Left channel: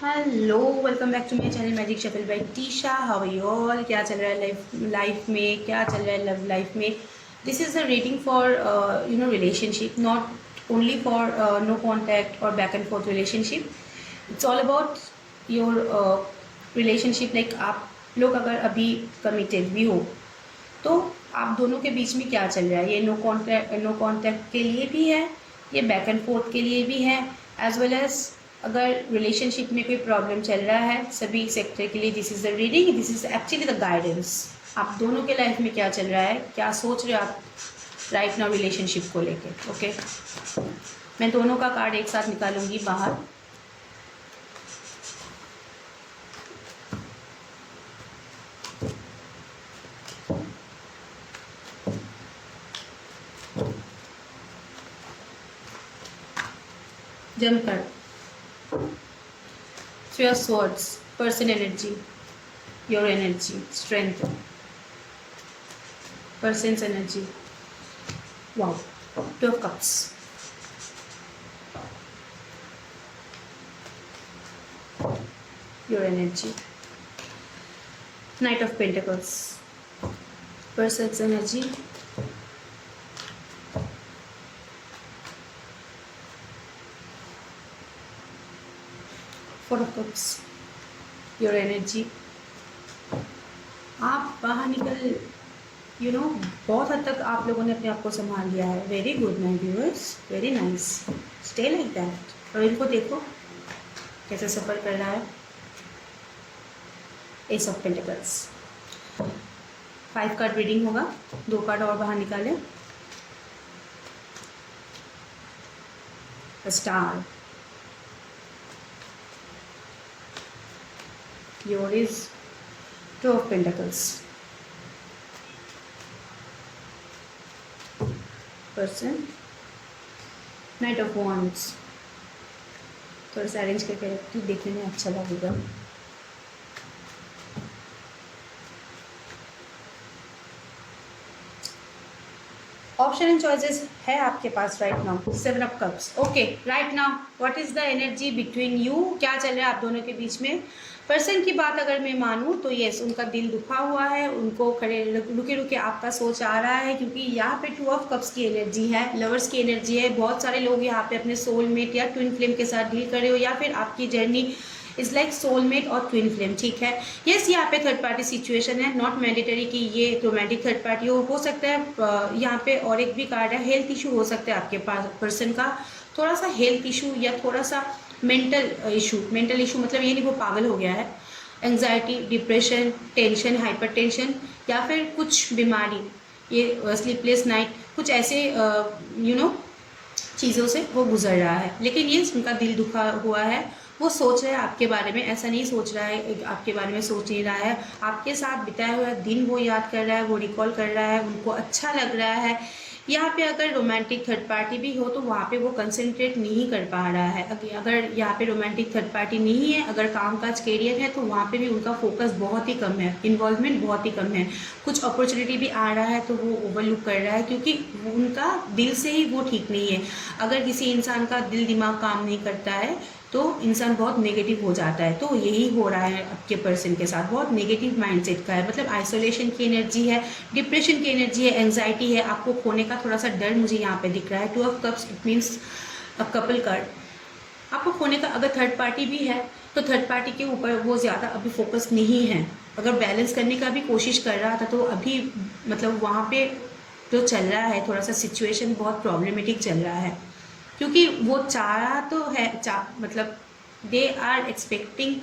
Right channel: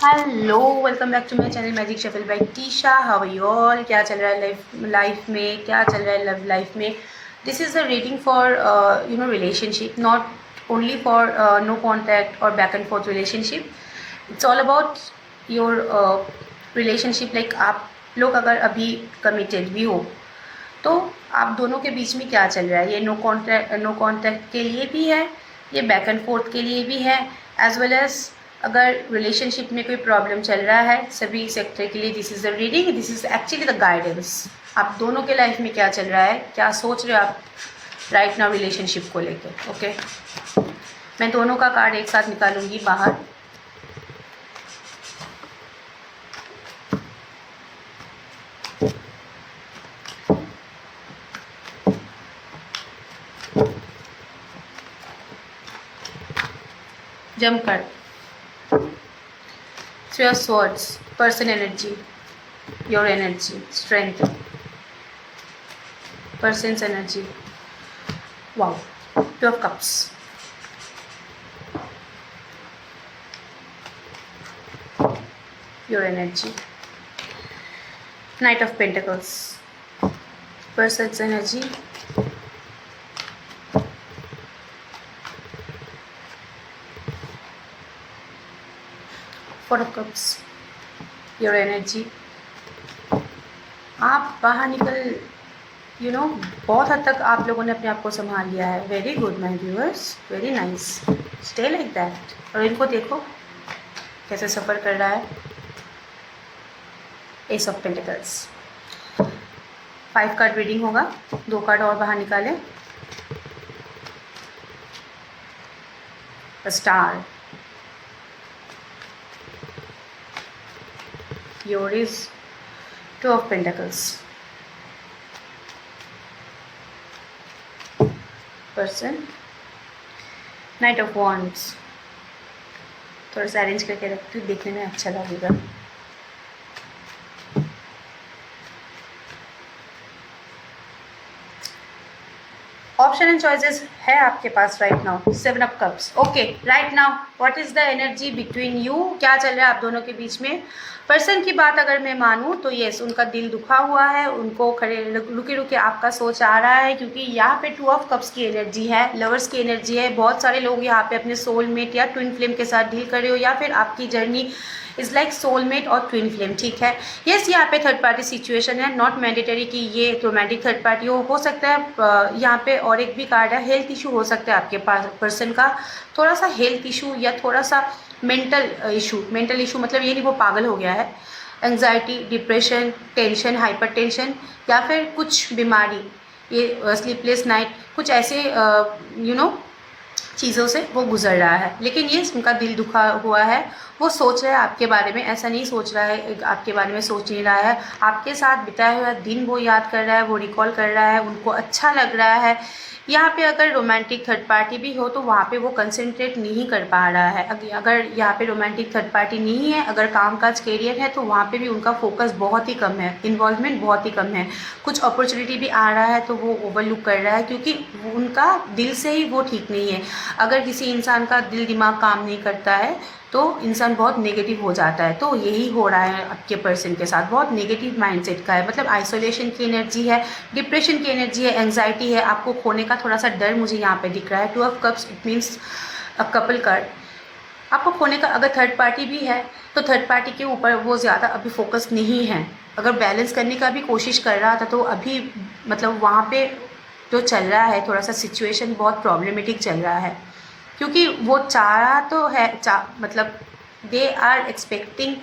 Hello, welcome back to my channel magic shuffle by Tisha. How are you all? क्या चल रहा है life में? क्या चल रहा है लव लाइफ में? This is the rating for relationship, not only for no contact और back and forth relationship. It's all about your relationship. Like आप लोग अगर अभी कमिटेड भी हो तो आप दोनों के बीच में क्या चल रहा है। ये नो कॉन्टैक्ट के लिए भी है, ये बैक एंड फोर्थ के लिए भी है, एज वेल एज अगर रिलेशनशिप में कोई प्रॉब्लम चल रहा है, सभी सेक्टर के लिए this is the reading, this is actually the guidance. आप दोनों के लाइफ में क्या चल रहा है, क्या सोच रहे हो आप राइट नाउ रिलेशनशिप को लेके। ओके, मैं दोनों का कार्ड एक साथ निकालूंगी बाहर। Jump card, three of swords, person energy, your energy, strength, person's energy, wow, to of cups, your energy, knight of pentacles, person's energy, four of cups, your energy। आप बाहर निकल बहुत हद तक आप लोगों ने अपने आप को संभाल लिया है। Very good my viewers, very nice, stay like that. और इनको देखो कैसे सफ़र कर रहा है। S of pentacles, 5 card reading होगा, 2 कार्ड और बाहर निकालें। Star, your is 2 of pentacles, person, night of wands. थोड़ा सा अरेंज करके रखती हूँ, देखने में अच्छा लगेगा। ऑप्शन एंड चॉइसेस है आपके पास right now. 7 of cups. Okay, right now what is the energy between you? क्या चल रहा है आप दोनों के बीच में? पर्सन की बात अगर मैं मानूं तो यस, उनका दिल दुखा हुआ है, उनको खड़े रुके रुके आपका सोच आ रहा है, क्योंकि यहाँ पे 2 ऑफ कप्स की एनर्जी है, लवर्स की एनर्जी है। बहुत सारे लोग यहाँ पे अपने सोलमेट या ट्विन फ्लेम के साथ डील कर रहे हो, या फिर आपकी जर्नी इज़ लाइक सोलमेट और ट्विन फ्लेम। ठीक है, यस, यहाँ पे थर्ड पार्टी सिचुएशन है, नॉट मैंडेटरी कि ये रोमांटिक थर्ड पार्टी हो सकता है। यहाँ पे और एक भी कार्ड है, हेल्थ इशू हो सकता है आपके पास पर्सन का, थोड़ा सा हेल्थ इशू या थोड़ा सा मेंटल इशू मतलब ये नहीं वो पागल हो गया है। Anxiety, depression, tension, hyper tension, या फिर कुछ बीमारी, ये स्लीपलेस नाइट, कुछ ऐसे चीज़ों से वो गुजर रहा है। लेकिन ये उनका दिल दुखा हुआ है, वो सोच रहा है आपके बारे में, ऐसा नहीं सोच रहा है आपके बारे में सोच नहीं रहा है, आपके साथ बिताया हुआ दिन वो याद कर रहा है, वो रिकॉल कर रहा है, उनको अच्छा लग रहा है। यहाँ पे अगर रोमांटिक थर्ड पार्टी भी हो तो वहाँ पे वो कंसंट्रेट नहीं कर पा रहा है। अगर यहाँ पे रोमांटिक थर्ड पार्टी नहीं है, अगर कामकाज कैरियर है, तो वहाँ पे भी उनका फोकस बहुत ही कम है, इन्वॉल्वमेंट बहुत ही कम है। कुछ अपॉर्चुनिटी भी आ रहा है तो वो ओवरलुक कर रहा है, क्योंकि उनका दिल से ही वो ठीक नहीं है। अगर किसी इंसान का दिल दिमाग काम नहीं करता है तो इंसान बहुत नेगेटिव हो जाता है। तो यही हो रहा है आपके पर्सन के साथ, बहुत नेगेटिव माइंडसेट का है, मतलब आइसोलेशन की एनर्जी है, डिप्रेशन की एनर्जी है, एंग्जाइटी है, आपको खोने का थोड़ा सा डर मुझे यहाँ पे दिख रहा है। 2 of cups, it means a couple card, आपको खोने का। अगर थर्ड पार्टी भी है तो थर्ड पार्टी के ऊपर वो ज़्यादा अभी फोकस नहीं है। अगर बैलेंस करने का भी कोशिश कर रहा था तो अभी मतलब वहाँ पे जो चल रहा है थोड़ा सा सिचुएशन बहुत प्रॉब्लमेटिक चल रहा है, क्योंकि वो चाह रहा तो है, मतलब they are expecting,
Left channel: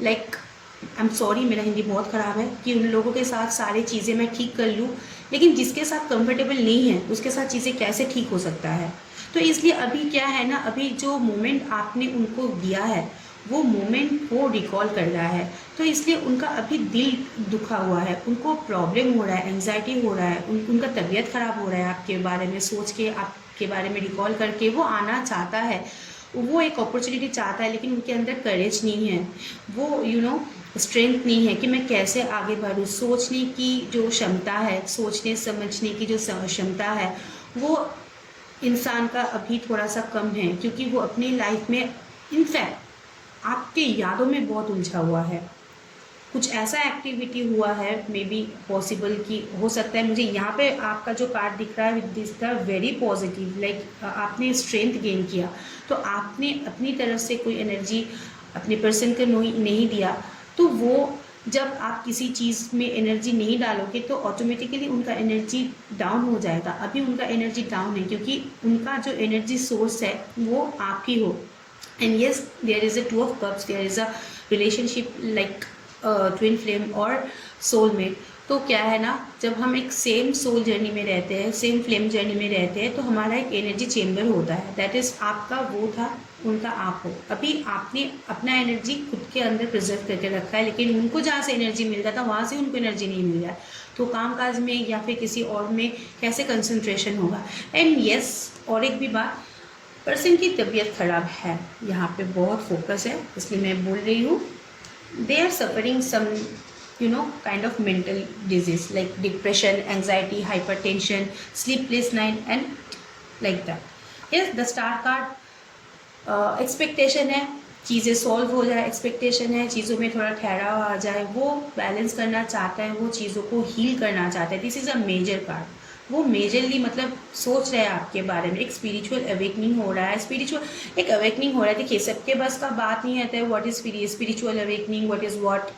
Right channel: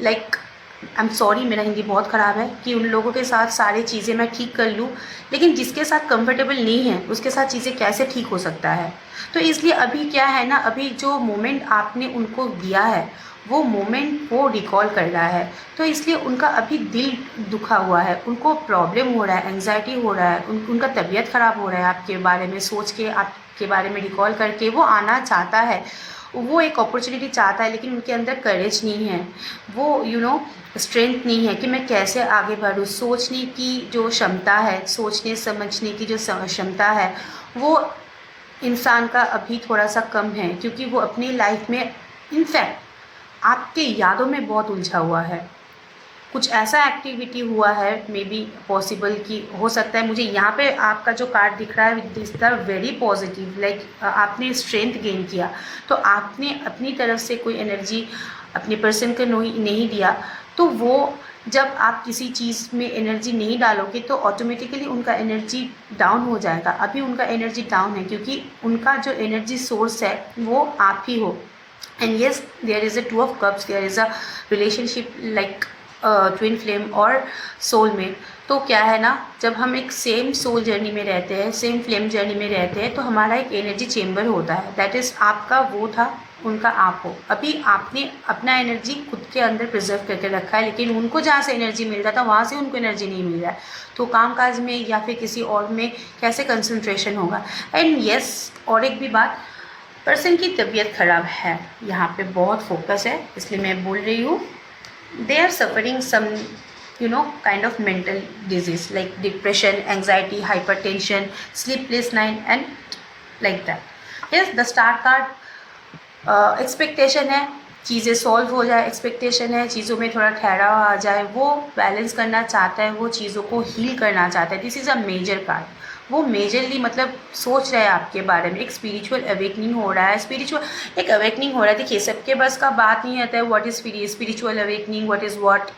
like I am sorry मेरा हिंदी बहुत ख़राब है, कि उन लोगों के साथ सारी चीज़ें मैं ठीक कर लूँ, लेकिन जिसके साथ कंफर्टेबल नहीं है उसके साथ चीज़ें कैसे ठीक हो सकता है। तो इसलिए अभी क्या है ना, अभी जो मोमेंट आपने उनको दिया है वो मोमेंट वो रिकॉल कर रहा है, तो इसलिए उनका अभी दिल दुखा हुआ है, उनको प्रॉब्लम हो रहा है, एंग्जाइटी हो रहा है, उनका तबीयत ख़राब हो रहा है आपके बारे में सोच के, आपके बारे में रिकॉल करके। वो आना चाहता है, वो एक अपॉर्चुनिटी चाहता है, लेकिन उनके अंदर करेज नहीं है, वो स्ट्रेंथ नहीं है कि मैं कैसे आगे बढ़ूँ। सोचने की जो क्षमता है, सोचने समझने की जो क्षमता है, वो इंसान का अभी थोड़ा सा कम है, क्योंकि वो अपनी लाइफ में इनफैक्ट आपके यादों में बहुत उलझा हुआ है। कुछ ऐसा एक्टिविटी हुआ है, मे बी पॉसिबल कि हो सकता है, मुझे यहाँ पे आपका जो कार्ड दिख रहा है this the very positive, like आपने स्ट्रेंथ गेन किया, तो आपने अपनी तरफ से कोई एनर्जी अपने पर्सन को नहीं दिया, तो वो जब आप किसी चीज़ में एनर्जी नहीं डालोगे तो ऑटोमेटिकली उनका एनर्जी डाउन हो जाएगा। अभी उनका एनर्जी डाउन है क्योंकि उनका जो एनर्जी सोर्स है वो आप ही हो। And yes, there is a two of cups, there is a relationship like twin flame और सोलमेट। तो क्या है ना, जब हम एक सेम सोल जर्नी में रहते हैं, सेम फ्लेम जर्नी में रहते हैं, तो हमारा एक एनर्जी चेम्बर होता है, दैट इज़ आपका वो था, उनका आप हो। अभी आपने अपना एनर्जी खुद के अंदर प्रिजर्व करके रखा है, लेकिन उनको जहाँ से एनर्जी मिल रहा था वहाँ से उनको एनर्जी नहीं मिल रहा है, तो कामकाज में या फिर किसी और में कैसे कंसंट्रेशन होगा। एंड येस, और एक भी बात, पर्सन की तबीयत ख़राब है, यहाँ पे बहुत फोकस है, इसलिए मैं बोल रही हूँ। they are suffering some kind of mental disease like depression, anxiety, hypertension, sleepless night and like that. Yes, the star card expectation है चीज़ें सॉल्व हो जाए, एक्सपेक्टेशन है चीज़ों में थोड़ा ठहराव आ जाए, वो बैलेंस करना चाहता है, वो चीज़ों को हील करना चाहता है। This is a major card. वो मेजरली मतलब सोच रहे हैं आपके बारे में, एक स्पिरिचुअल अवेकनिंग हो रहा है, स्पिरिचुअल एक अवेकनिंग हो रहा है। देखिए, सबके बस का बात नहीं आता है what is spiritual awakening, what is what,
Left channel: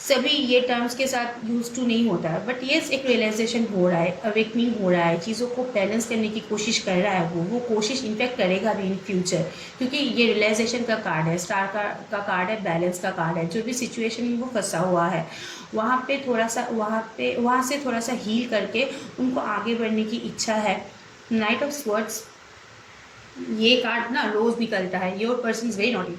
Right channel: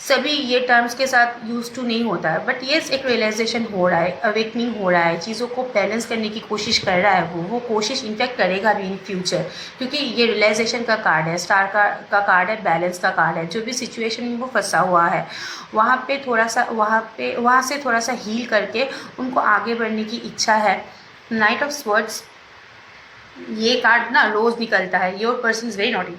सभी ये टर्म्स के साथ यूज टू नहीं होता है, बट येस एक रियलाइजेशन हो रहा है, अवेकनिंग हो रहा है, चीज़ों को बैलेंस करने की कोशिश कर रहा है। वो कोशिश इनफैक्ट करेगा भी इन फ्यूचर, क्योंकि ये रियलाइजेशन का कार्ड है, स्टार का कार्ड है, बैलेंस का कार्ड है। जो भी सिचुएशन में वो फंसा हुआ है वहाँ पे थोड़ा सा वहाँ से थोड़ा सा हील करके उनको आगे बढ़ने की इच्छा है। नाइट ऑफ स्वर्ड्स, ये कार्ड ना रोज़ निकलता है, your person is very naughty.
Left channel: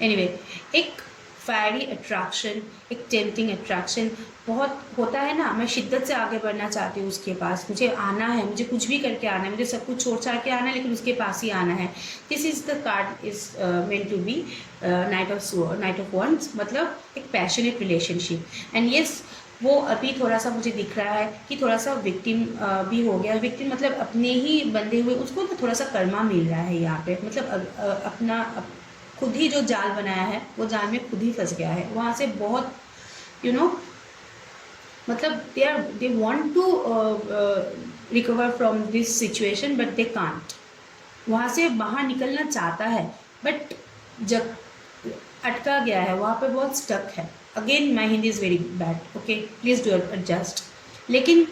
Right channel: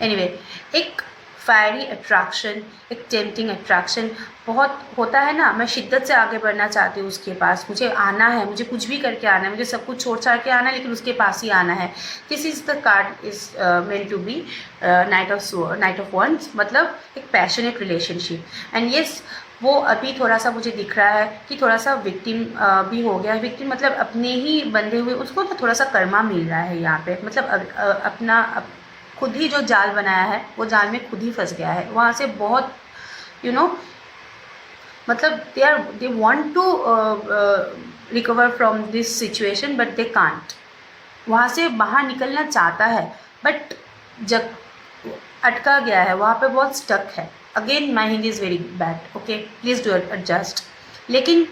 Anyway, एक फायरी अट्रैक्शन, एक टेम्पटिंग अट्रैक्शन बहुत होता है ना, मैं शिद्दत से आगे बढ़ना चाहती हूँ उसके पास, मुझे आना है, मुझे कुछ भी करके आना है, मुझे सब कुछ छोड़ छाड़ के आना है, लेकिन उसके पास ही आना है। This is the card is meant to be knight of wands, मतलब एक पैशनेट रिलेशनशिप। एंड येस, वो अभी थोड़ा सा मुझे दिख रहा है कि थोड़ा सा विक्टिम भी हो गया। विक्टिम मतलब अपने ही बंधे हुए, उसको ना थोड़ा सा कर्मा मिल रहा है यहाँ पे, मतलब अपना खुद ही जो जाल बनाया है वो जाल में खुद ही फंस गया है। वहाँ से बहुत मतलब they want to recover from this situation but they can't. वहाँ से बाहर निकलना चाहता है बट जब अटका गया है, वहाँ पे बहुत स्टक है। Again my Hindi is very bad, okay, please do adjust. लेकिन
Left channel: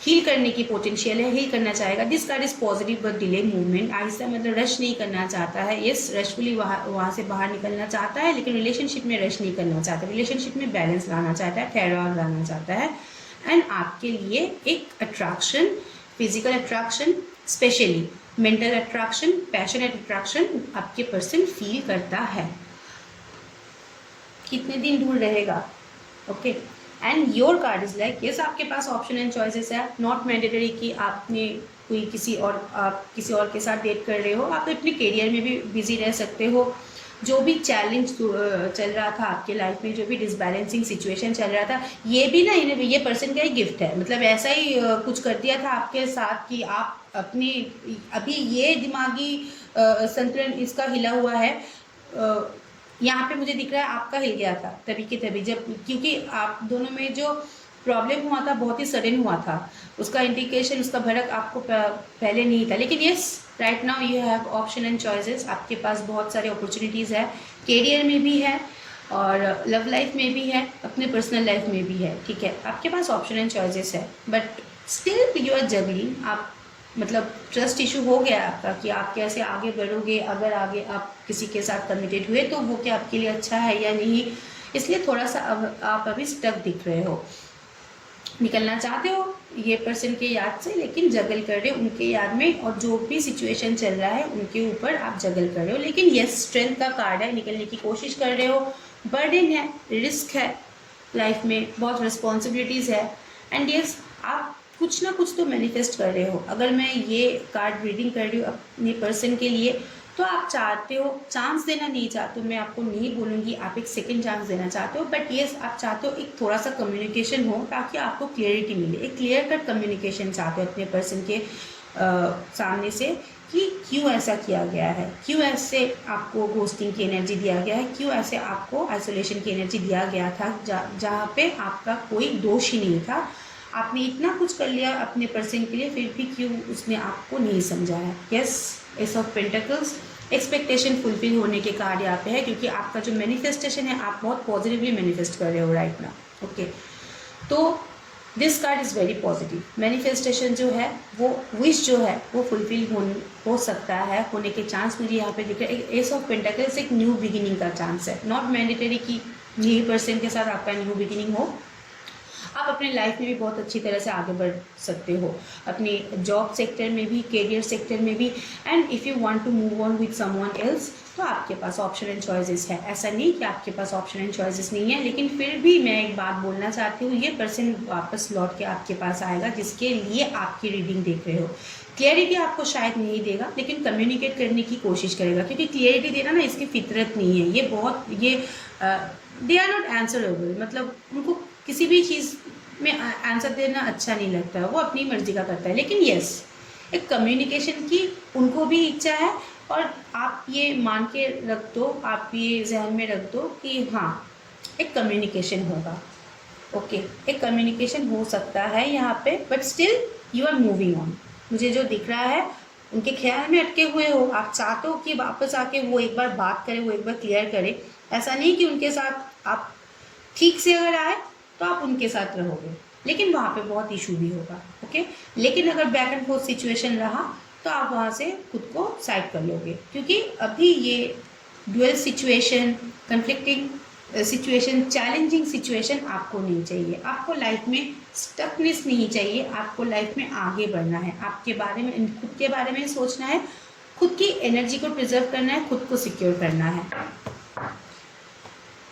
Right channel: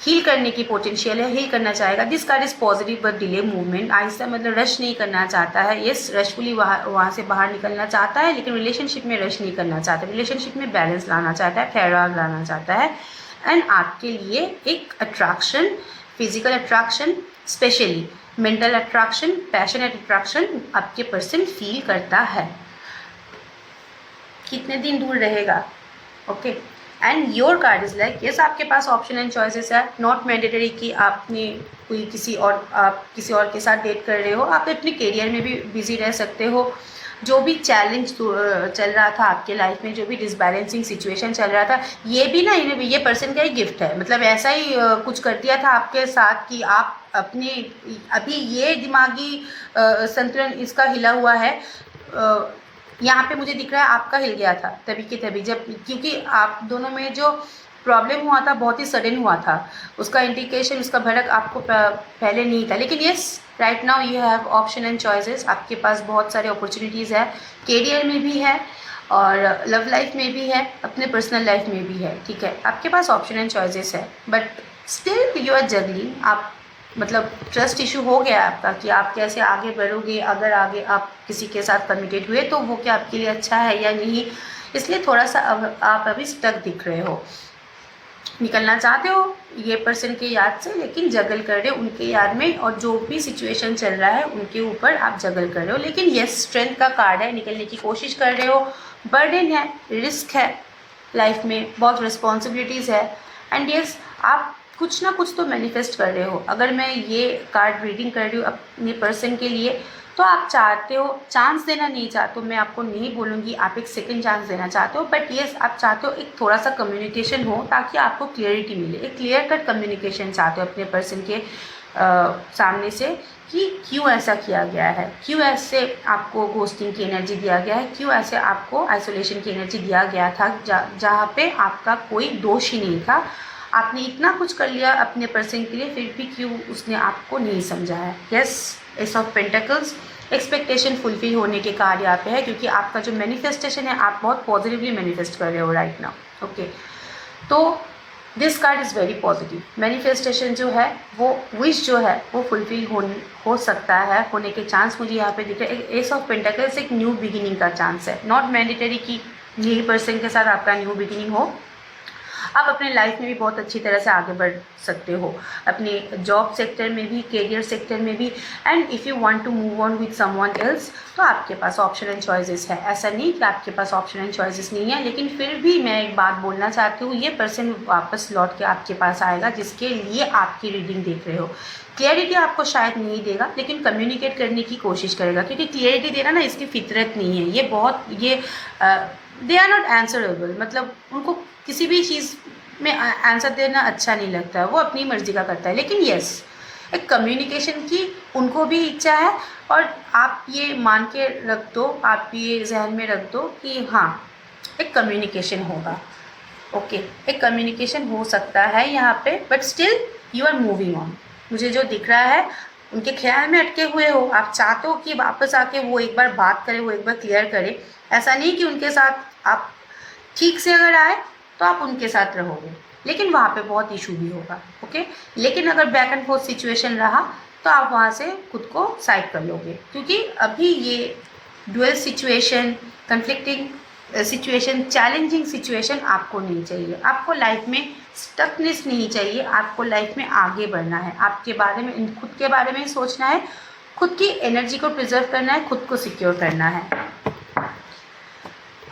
हील करने की पोटेंशियल है, हील करना चाहेगा। This card is positive but delay movement, आहिस्ता मतलब रश नहीं करना चाहता है। येस, रशफुली वहाँ से बाहर निकलना चाहता है, लेकिन रिलेशनशिप में रश नहीं करना चाहता, रिलेशनशिप में बैलेंस लाना चाहता है, ठहराव लाना चाहता है। एंड आपके लिए एक attraction, physical attraction, specially mental attraction, passionate attraction आपके पर्सन फील करता है। कितने दिन दूर रहेगा, okay. And your card is like, yes आपके पास ऑप्शन एंड चॉइसेस है, नॉट मैंडेटरी कि आपने कोई आप किसी और के साथ डेट कर रहे हो, आप अपने करियर में भी बिजी रह सकते हो। जो भी चैलेंज चल रहा था आपके लाइफ में, जो भी डिसबैलेंसिंग सिचुएशन चल रहा था, ये भी ना ये पर्सन का ही गिफ्ट है। मतलब ऐसा ही कुछ कर दिया था आपके साथ कि आप अपने अभी ये दिमागी संतुलन इसका हिला हुआ है। यहाँ पे मुझे दिख रहा है आपका हिल गया था तभी के तभी, जब क्योंकि आप दोनों में जो प्रॉब्लम हुआ था बहुत ही सडन हुआ था, उसका इंडिकेशन, उसका भड़क आपको पहले नहीं था। लेकिन yes, right now you have option and choices, आपके पास बहुत सारे अपॉर्चुनिटीज़ है, करियर में भी है और लव लाइफ में भी है, अपने पर्सनल लाइफ में भी है, ठीक है। आपके पास ऑप्शन एंड चॉइसेस है but still you are juggling. आप मतलब ट्रस्ट इशू हो गया आपका कि आप कैसे आगे बढ़ोगे, अगर आगे आप किसी के साथ कमिटेड हुए तो वो क्या आपके लिए अच्छा है या नहीं, इसलिए थोड़ा सा आप अभी स्टक दिख रहे हो। निकलना चाहते हो ये पर्सन के याद से, लेकिन जगल कर रहे हो उनके याद में, और जो भी सिचुएशन चल रहा है उनके ऊपर आप जगल कर रहे हो। लेकिन यस, स्ट्रेंथ का कार्ड है, निकलने की कोशिश कर रहे हो। बर्डन है, रिस्क है, लाइफ में बहुत रिस्पॉन्सिबिलिटीज़ है। एंड यस, आप कुछ ना कुछ तो मैनिफेस्ट कर रहे हो। अगर मैं ये कार्ड रीडिंग कर रही हूँ अपने पर्सन के लिए, तो आप चाहते हो, चांस देना नहीं चाहते हो, मैं आपको नहीं बोलूँगी आप एक सेकंड चांस देना चाहते हो, बट येस आप चाहते हो एक थोड़ा सा कम्युनिकेशन हो ताकि आपको क्लियरिटी मिले, एक क्लियर कट कम्युनिकेशन चाहते हो अपने पर्सन के सामने से कि क्यों ऐसा किया गया है, क्यों ऐसे आपको घोस्टिंग की एनर्जी दिया गया है, क्यों ऐसे आपको आइसोलेशन की एनर्जी दिया गया था, जहाँ पे आपका कोई दोष ही नहीं था। आपने इतना कुछ कर लिया अपने पर्सन के लिए, फिर भी क्यों उसने आपको नहीं समझा है। Yes, S of pentacles, expectation fulfil होने के कार्ड यहाँ पे है, क्योंकि आपका जो मैनिफेस्टेशन है आप बहुत पॉजिटिवली मैनिफेस्ट कर रहे हो राइट नाउ। ओके, तो this card is very positive. Manifestation जो है वो विश जो है वो फुलफिल हो सकता है, होने के चांस मुझे यहाँ पे दिख रहे हैं। एक एस ऑफ पेंटिकल्स एक न्यू बिगिनिंग का चांस है। नॉट मैंडेटरी कि यही पर्सन के साथ आपका न्यू बिगिनिंग हो, आप अपने लाइफ में भी बहुत अच्छी तरह से आगे बढ़ सकते हो, अपने जॉब सेक्टर में भी, करियर सेक्टर में भी। And if you want to move on with someone else, तो आपके पास ऑप्शन एंड चॉइसेस है। ऐसा नहीं कि आपके पास ऑप्शन एंड चॉइसेस नहीं है, लेकिन फिर भी मैं एक बात बोलना चाहती हूँ, ये पर्सन वापस लौट के आपके पास आएगा जिसके लिए आपकी रीडिंग देख रहे हो। क्लियरिटी आपको शायद नहीं देगा, लेकिन कम्युनिकेट करने की कोशिश करेगा, क्योंकि क्लियरिटी देना ना इसकी फितरत नहीं है। ये दे आर नॉट आंसरेबल, मतलब उनको किसी भी चीज़ में आंसर देना अच्छा नहीं लगता है, वो अपनी मर्ज़ी का करता है। लेकिन यस, एक कम्युनिकेशन की उनको भी इच्छा है, और आप ये मान के रख दो, आप ये जहन में रख दो कि हाँ, एक कम्युनिकेशन होगा। ओके, एक कम्युनिकेशन हो सकता है यहाँ पे, but still you are moving on. मुझे जो दिख रहा है, उनके ख्याल में अटके हुए हो, आप चाहते हो कि वापस आके वो एक बार बात करे, वो एक बार क्लियर करे। ऐसा नहीं कि उनके साथ आप ठीक से अगर आए तो आप उनके साथ रहोगे, लेकिन वहाँ पे बहुत इशू भी होगा। ओके, लेकिन अगर बैक एंड फोर्थ सिचुएशन रहा तो आप वहाँ से खुद को साइड कर लोगे, क्योंकि अभी ये dual situation, conflicting situation, challenging situation आपको नहीं चाहिए। आपको लाइफ में स्टकनेस नहीं चाहिए, आपको लाइफ में आगे बढ़ना है, आपके बारे में, खुद के बारे में सोचना है, खुद की एनर्जी को प्रिजर्व करना है, खुद को सिक्योर करना है।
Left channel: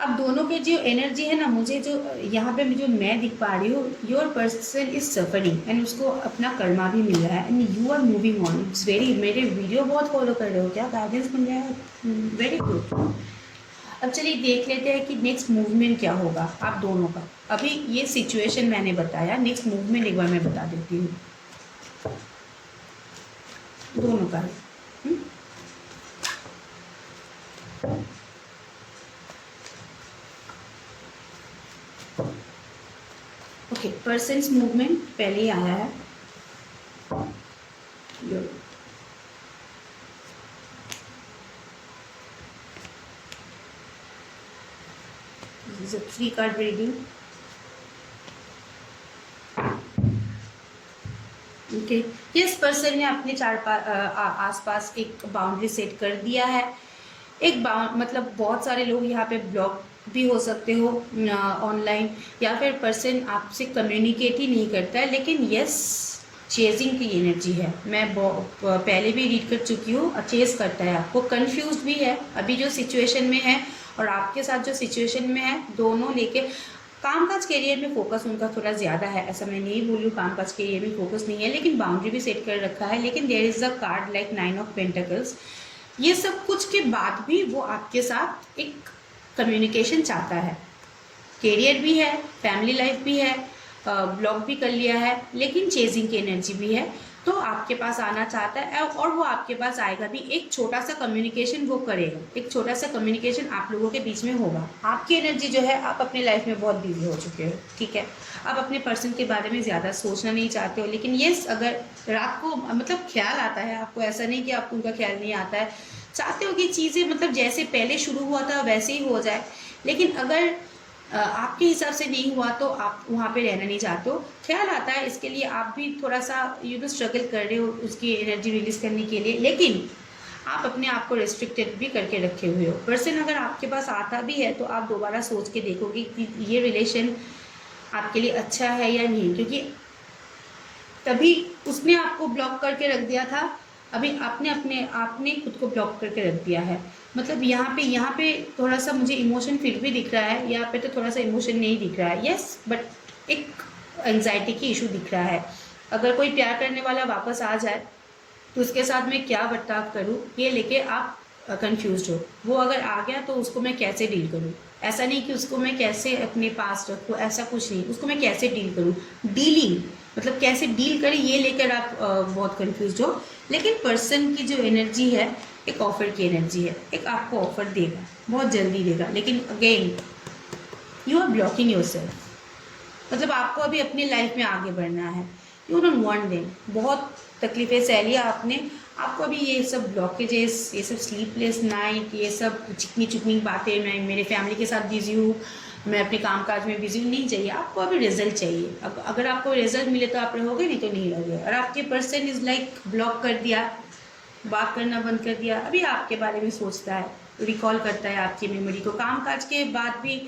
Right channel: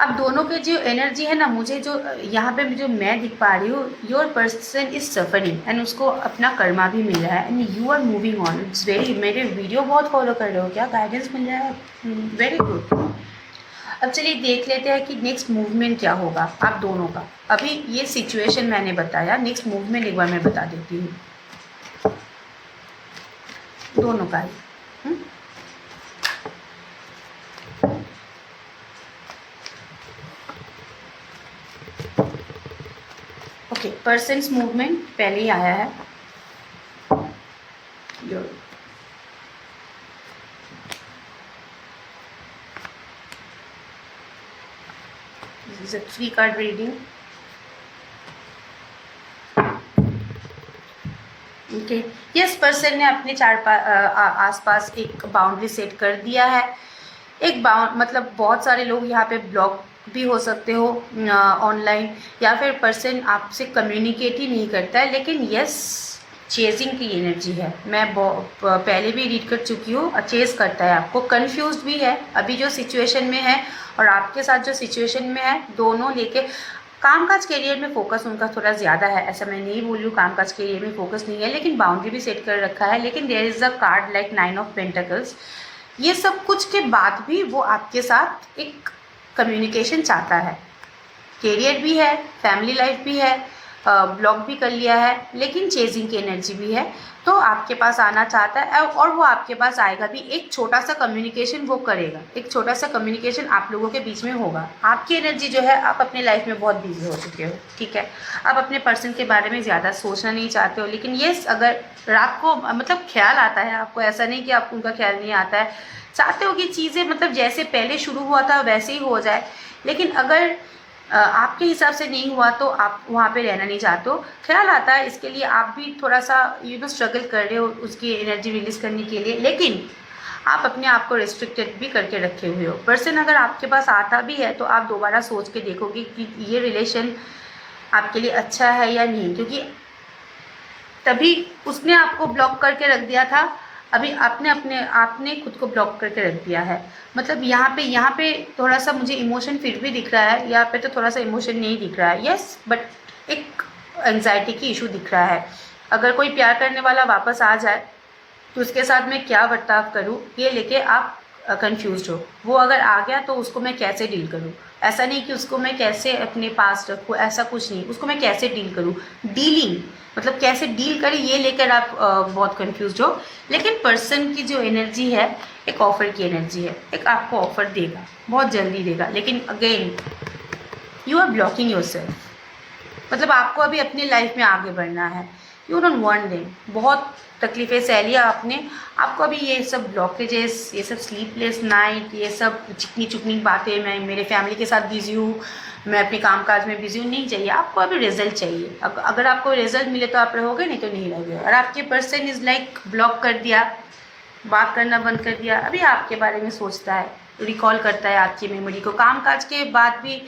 अब दोनों के जो एनर्जी है ना, मुझे जो यहाँ पे जो मैं दिख पा रही हूँ, your person is suffering and उसको अपना कर्मा भी मिल रहा है, and you are moving on. It's very, मेरे वीडियो बहुत फॉलो कर रहे हो क्या, गाइडेंस मिल रहा है, वेरी गुड। अब चलिए देख लेते हैं कि नेक्स्ट मूवमेंट क्या होगा आप दोनों का। अभी ये सिचुएशन मैंने बताया, नेक्स्ट मूवमेंट एक बार मैं बता देती हूँ दोनों का ही। ओके, पर्सन्स मूवमेंट पहले ही आया है। This is a 3 card reading. Okay, yes, person ने अपने आसपास एक बाउंड्री सेट कर दिया है। एक मतलब बहुत सारे लोग यहाँ पे ब्लॉक भी हो सकते हो ऑनलाइन, या फिर पर्सन आपसे कम्युनिकेट ही नहीं करता है, लेकिन यस, चेजिंग की एनर्जी है। मैं पहले भी रीड कर चुकी हूँ, चेज करता है आपको, कंफ्यूज भी है अभी जो सिचुएशन में है, और आपके साथ जो सिचुएशन में है, दोनों लेके कामकाज करियर में फोकस उनका थोड़ा ज़्यादा है। ऐसा मैं नहीं बोल रही हूँ कामकाज करियर में फोकस नहीं है, लेकिन बाउंड्री भी सेट कर रखा है। लेकिन there is a card like 9 of pentacles. ये सब कुछ के बाद भी वो आपके साथ एक कम्युनिकेशन चाहता है, करियर भी है, फैमिली लाइफ भी है, ब्लॉक भी कर लिया है, लेकिन चेजिंग की एनर्जी भी है, तो आपके पास आना चाहता है, और वो आपके पास आएगा भी। एक छोटा सा कम्युनिकेशन वो करेगा, एक छोटा सा कम्युनिकेशन आप लोगों के बीच में होगा। आपकी एनर्जी जो है, आप अपने लाइफ में बहुत बिजी हो चुके हो, ठीक है, आप अपने पर्सन के बारे में ज़्यादा सोचना नहीं चाहते हो। लेकिन ये अगर रात को मतलब ख्याल आता है आपको, ऐसा नहीं कि आपको उनका ख्याल नहीं आता है, चाहते हो कि चीज़ें मतलब जैसे पहले शुरू हुआ था वैसे ही हो जाए, लेकिन अगर आपके हिसाब से नहीं हुआ तो आप वहाँ पे रहना नहीं चाहते हो। ख्याल आता है, इसके लिए आप भी थोड़ा सा स्ट्रगल कर रहे हो उसकी एनर्जी रिलीज़ करने के लिए, लेकिन आप अपने आप को रिस्ट्रिक्टेड भी करके रखे हुए हो। पर्सन अगर आपके पास आता भी है तो आप दोबारा सोच के देखोगे कि ये रिलेशन आपके लिए अच्छा है या नहीं, क्योंकि तभी उसने आपको ब्लॉक करके रख दिया था, अभी आपने खुद को ब्लॉक करके रख दिया है। मतलब यहाँ पे थोड़ा सा मुझे इमोशन फिर भी दिख रहा है, यहाँ पे तो थोड़ा सा इमोशन नहीं दिख रहा है, यस, बट एक एंजाइटी की इशू दिख रहा है। अगर कोई प्यार करने वाला वापस आ जाए तो उसके साथ मैं क्या बर्ताव करूँ, ये लेके आप कंफ्यूज्ड हो। वो अगर आ गया तो उसको मैं कैसे डील करूँ, ऐसा नहीं कि उसको मैं कैसे अपने पास रखूँ, ऐसा कुछ नहीं, उसको मैं कैसे डील करूँ। डीलिंग मतलब कैसे डील करें ये लेकर आप बहुत कंफ्यूज्ड हो। लेकिन पर्सन की जो एनर्जी है एक ऑफ़र की एनर्जी है, एक आपको ऑफ़र देगा, बहुत जल्दी देगा। लेकिन again you are blocking yourself, मतलब आपको अभी अपनी लाइफ में आगे बढ़ना है। यू डोंट वांट देम, बहुत तकलीफ़ें सह लिया आपने, आपको अभी ये सब ब्लॉकेजेस, ये सब स्लीपलेस नाइट, ये सब चिकनी चुकनी बातें, मैं मेरे फैमिली के साथ बिज़ी हूँ, मैं अपने कामकाज में बिज़ी हूँ, नहीं चाहिए आपको। अभी रिजल्ट चाहिए। अगर आपको रिजल्ट मिले तो आप रहोगे, नहीं तो नहीं रहोगे। और आपके पर्सन इज़ लाइक ब्लॉक कर दिया, बात करना बंद कर दिया, अभी आपके बारे में सोचता है, रिकॉल करता है आपकी मेमोरी को। कामकाज के बाद भी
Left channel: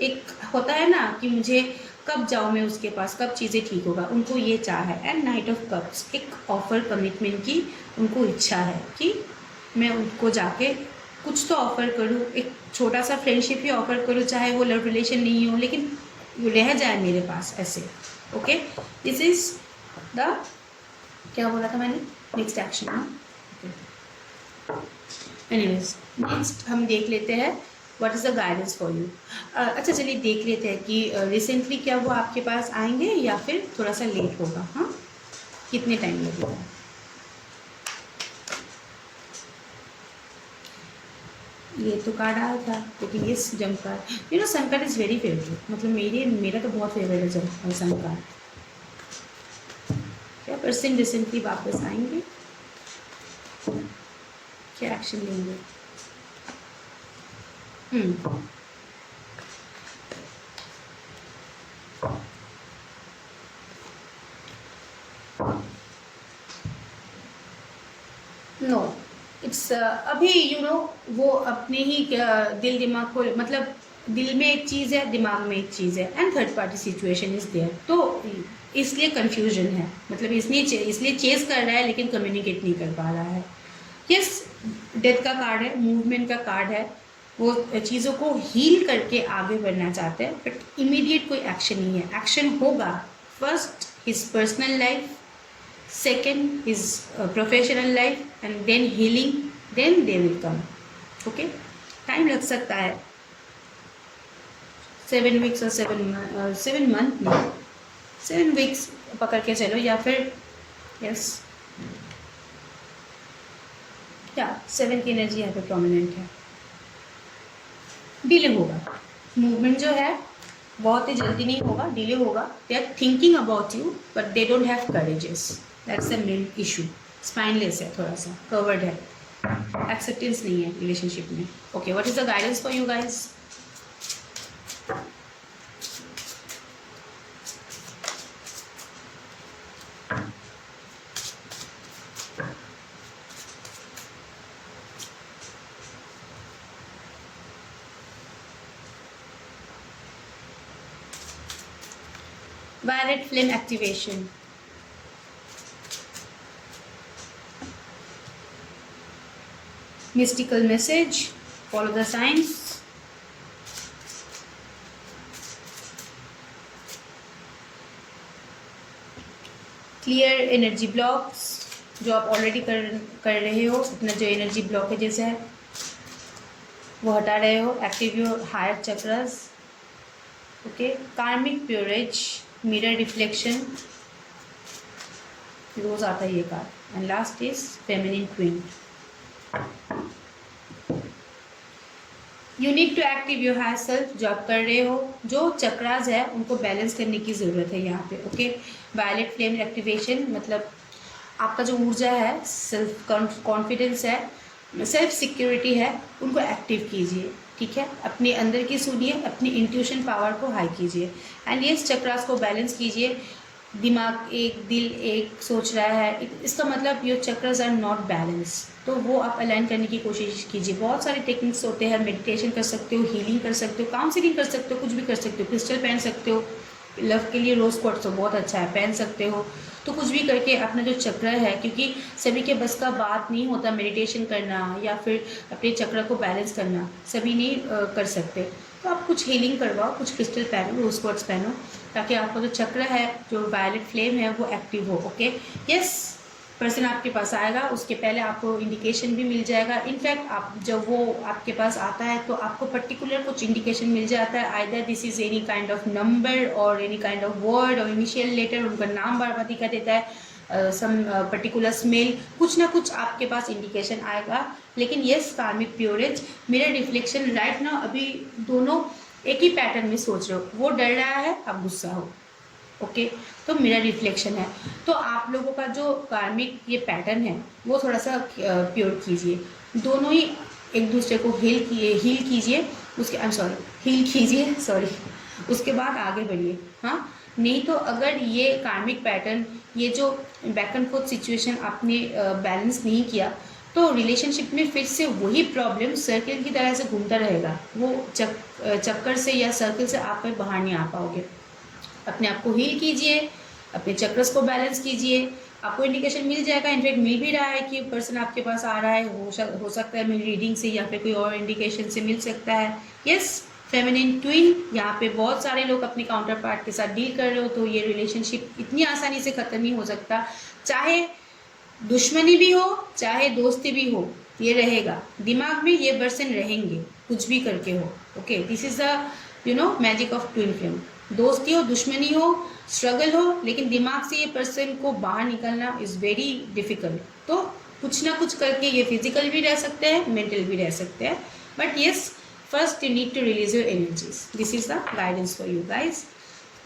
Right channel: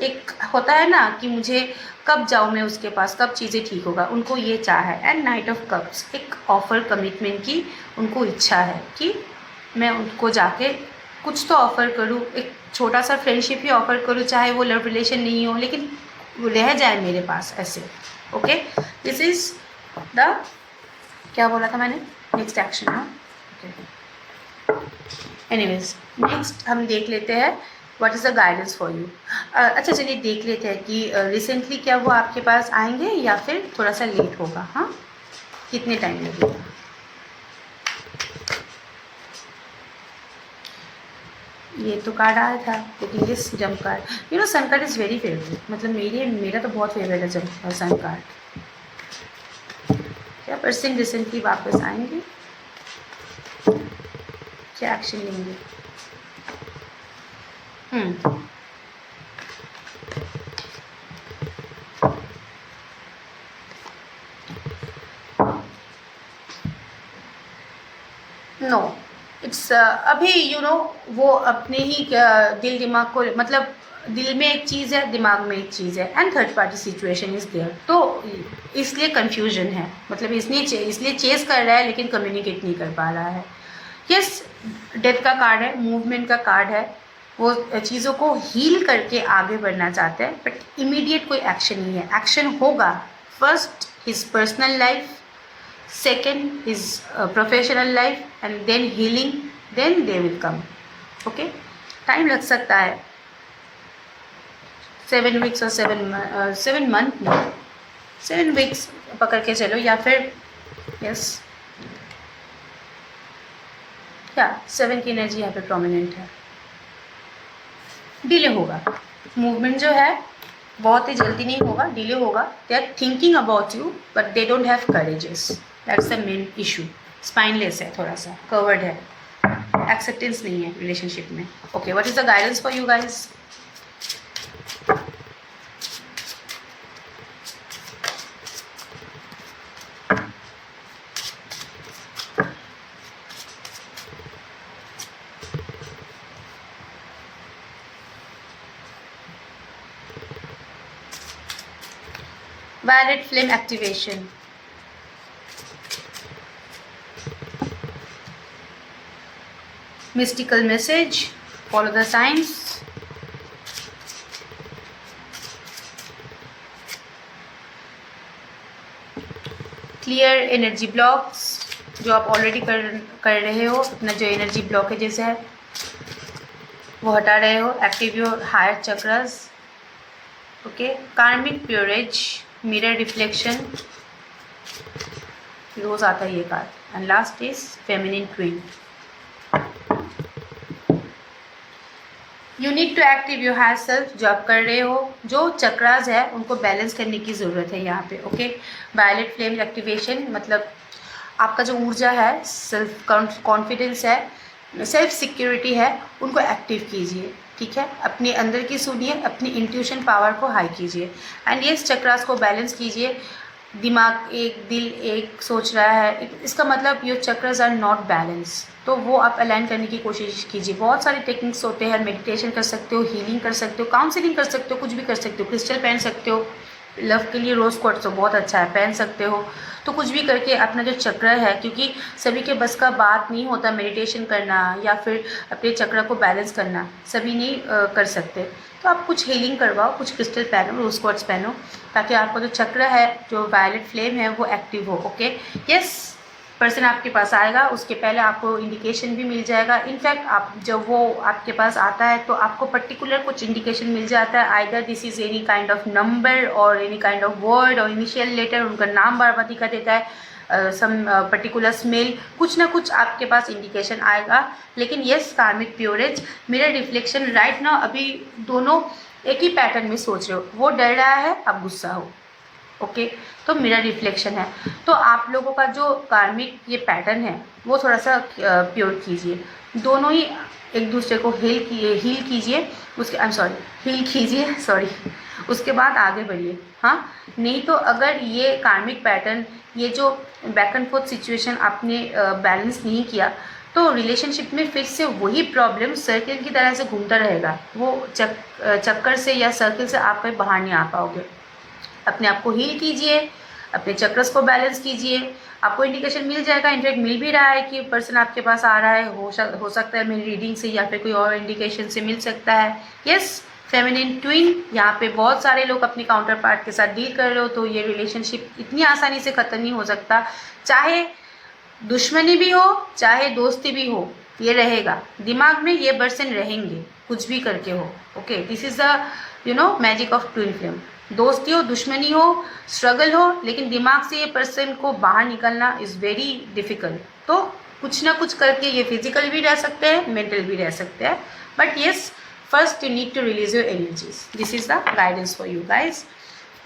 एक होता है ना कि मुझे कब जाऊँ मैं उसके पास, कब चीज़ें ठीक होगा, उनको ये चाह है। एंड नाइट ऑफ कप्स, एक ऑफ़र कमिटमेंट की उनको इच्छा है कि मैं उनको जाके कुछ तो ऑफ़र करूँ, एक छोटा सा फ्रेंडशिप ही ऑफ़र करूँ, चाहे वो लव रिलेशन नहीं हो, लेकिन वो रह जाए मेरे पास ऐसे। ओके, दिस इज़ द, क्या बोला था मैंने, नेक्स्ट एक्शन है। एनीवेज, नेक्स्ट हम देख लेते हैं what is the guidance for you. अच्छा चलिए देख लेते हैं कि रिसेंटली क्या वो आपके पास आएंगे या फिर थोड़ा सा लेट होगा। हाँ, कितने टाइम लगेगा। ये तो कार्ड आया था, लेकिन ये जम card, you know sun card is very favourite, मतलब मेरा तो बहुत फेवरेट है सन कार्ड। क्या पर्सन रिसेंटली वापस आएंगे, क्या एक्शन लेंगे। नो, इट्स अभी यू नो वो अपने ही दिल दिमाग को, मतलब दिल में एक चीज़ है, दिमाग में एक चीज़ है, and third party situation is there, तो इसलिए कन्फ्यूजन है। मतलब इसलिए चेस कर रहा है लेकिन कम्युनिकेट नहीं कर पा रहा है। यस, डेथ का कार्ड है, मूवमेंट का कार्ड है, वो चीज़ों को हील करके आगे बढ़ना चाहते हैं, बट इमीडिएट कोई एक्शन नहीं है। एक्शन होगा first his personal life, second is professional life, and then healing, then they will come. okay, time लग सकता है, 7 वीक्स और 7 मंथ नहीं, 7 वीक्स पकड़ के चलो, या फिर यस, या 7 की एनर्जी यहाँ पे प्रोमिनेंट है। डिले होगा, मूवमेंट जो है बहुत ही जल्दी नहीं होगा, डिले होगा। They are thinking about you but they don't have courages, that's the main issue. Spineless है, थोड़ा सा कवर्ड है, एक्सेप्टेंस नहीं है रिलेशनशिप में। Okay, what is the guidance for you guys. Violet flame activation. Mystical message. Follow the signs. Clear energy blocks. जो आप already कर रहे हो, अपना जो एनर्जी ब्लॉकेजेस है वो हटा रहे हो। Active your higher chakras. Okay, karmic purges, mirror reflection, रोज आता है ये card. And last is feminine twin. You need to active your higher self. जो आप कर रहे हो, जो चक्रास है उनको बैलेंस करने की ज़रूरत है यहाँ पे। ओके, वायलेट फ्लेम एक्टिवेशन मतलब आपका जो ऊर्जा है, सेल्फ कॉन्फिडेंस है, सेल्फ सिक्योरिटी है, उनको एक्टिव कीजिए। ठीक है, अपने अंदर की सुनिए, अपनी इंट्यूशन पावर को हाई कीजिए, एंड ये चक्रास को बैलेंस कीजिए। दिमाग एक, दिल एक सोच रहा है, इसका मतलब your chakras are not balance, तो वो आप अलाइन करने की कोशिश कीजिए। बहुत सारे टेक्निक्स होते हैं, मेडिटेशन कर सकते हो, हीलिंग कर सकते हो, काउंसलिंग कर सकते हो, कुछ भी कर सकते हो, क्रिस्टल पहन सकते हो। लव के लिए रोज़ क्वार्ट्ज तो बहुत अच्छा है, पहन सकते हो। तो कुछ भी करके अपना जो चक्र है, क्योंकि सभी के बस का बात नहीं होता मेडिटेशन करना या फिर अपने चक्र को बैलेंस करना, सभी नहीं कर सकते। तो आप कुछ हीलिंग करवाओ, कुछ क्रिस्टल पहनो, रोज़ क्वार्ट्ज पहनो, ताकि आपका जो चक्र है, जो वायलेट फ्लेम है, वो एक्टिव हो। ओके, यस, पर्सन आपके पास आएगा उसके पहले आपको इंडिकेशन भी मिल जाएगा। इनफैक्ट आप जब वो आपके पास आता है तो आपको पर्टिकुलर कुछ इंडिकेशन मिल जाता है, either this is any kind of number और एनी काइंड ऑफ वर्ड और इनिशियल लेटर, उनका नाम बार बार दिखा देता है, सम पर्टिकुलर स्मेल, कुछ ना कुछ आपके पास इंडिकेशन आएगा। लेकिन येस कार्मिक प्योरेज, मिरर रिफ्लेक्शन राइट ना, अभी दोनों एक ही पैटर्न में सोच रहे हो, वो डर रहा है आप गुस्सा हो, ओके तो मिरर रिफ्लेक्शन है। तो आप लोगों का जो कार्मिक ये पैटर्न है वो थोड़ा सा प्योर कीजिए, दोनों ही एक दूसरे को हील कीजिए, उसके हील कीजिए सॉरी, उसके बाद आगे बढ़िए। हाँ, नहीं तो अगर ये कार्मिक पैटर्न, ये जो बैक एंड फोर्थ सिचुएशन आपने बैलेंस नहीं किया तो रिलेशनशिप में फिर से वही प्रॉब्लम सर्किल की तरह से घूमता रहेगा, वो चक्कर से या सर्किल से आप कहीं बाहर नहीं आ पाओगे। अपने आप को हील कीजिए, अपने चक्रस को बैलेंस कीजिए, आपको इंडिकेशन मिल जाएगा, इनफैक्ट मिल भी रहा है कि पर्सन आपके पास आ रहा है, हो सकता है मेरी रीडिंग से या फिर कोई और इंडिकेशन से मिल सकता है। यस, फेमिनिन ट्विन, यहाँ पे बहुत सारे लोग अपने काउंटर पार्ट के साथ डील कर रहे हो, तो ये रिलेशनशिप इतनी आसानी से ख़त्म नहीं हो सकता, चाहे दुश्मनी भी हो चाहे दोस्ती भी हो, ये रहेगा दिमाग में, ये पर्सन रहेंगे कुछ भी करके हो। Okay, this is the magic of twin flame. दोस्ती हो, दुश्मनी हो, स्ट्रगल हो, लेकिन दिमाग से ये पर्सन को बाहर निकलना इज़ वेरी डिफ़िकल्ट। तो कुछ ना कुछ करके ये फिजिकल भी रह सकते हैं, मेंटल भी रह सकते हैं, but yes first you need to release your energies. This is the guidance for you guys.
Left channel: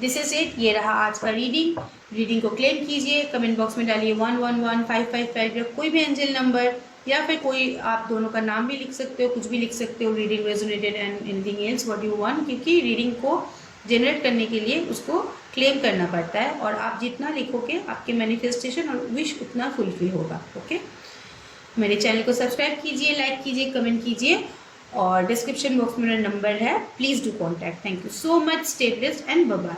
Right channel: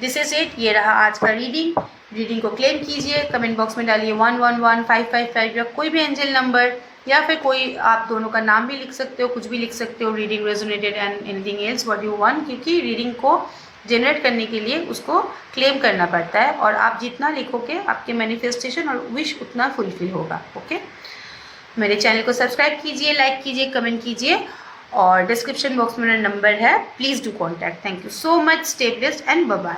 This is it, ये रहा आज का रीडिंग को क्लेम कीजिए, कमेंट बॉक्स में डालिए 111555 या कोई भी एंजल नंबर, या फिर कोई आप दोनों का नाम भी लिख सकते हो, कुछ भी लिख सकते हो, reading resonated and anything else what you want, क्योंकि रीडिंग को जनरेट करने के लिए उसको क्लेम करना पड़ता है, और आप जितना लिखोगे आपके मैनिफेस्टेशन और विश उतना फुलफिल होगा। ओके, मेरे चैनल को सब्सक्राइब कीजिए, लाइक कीजिए, कमेंट कीजिए, और डिस्क्रिप्शन बॉक्स में मेरा नंबर है, please do contact. Thank you so much, stay blessed and bye bye.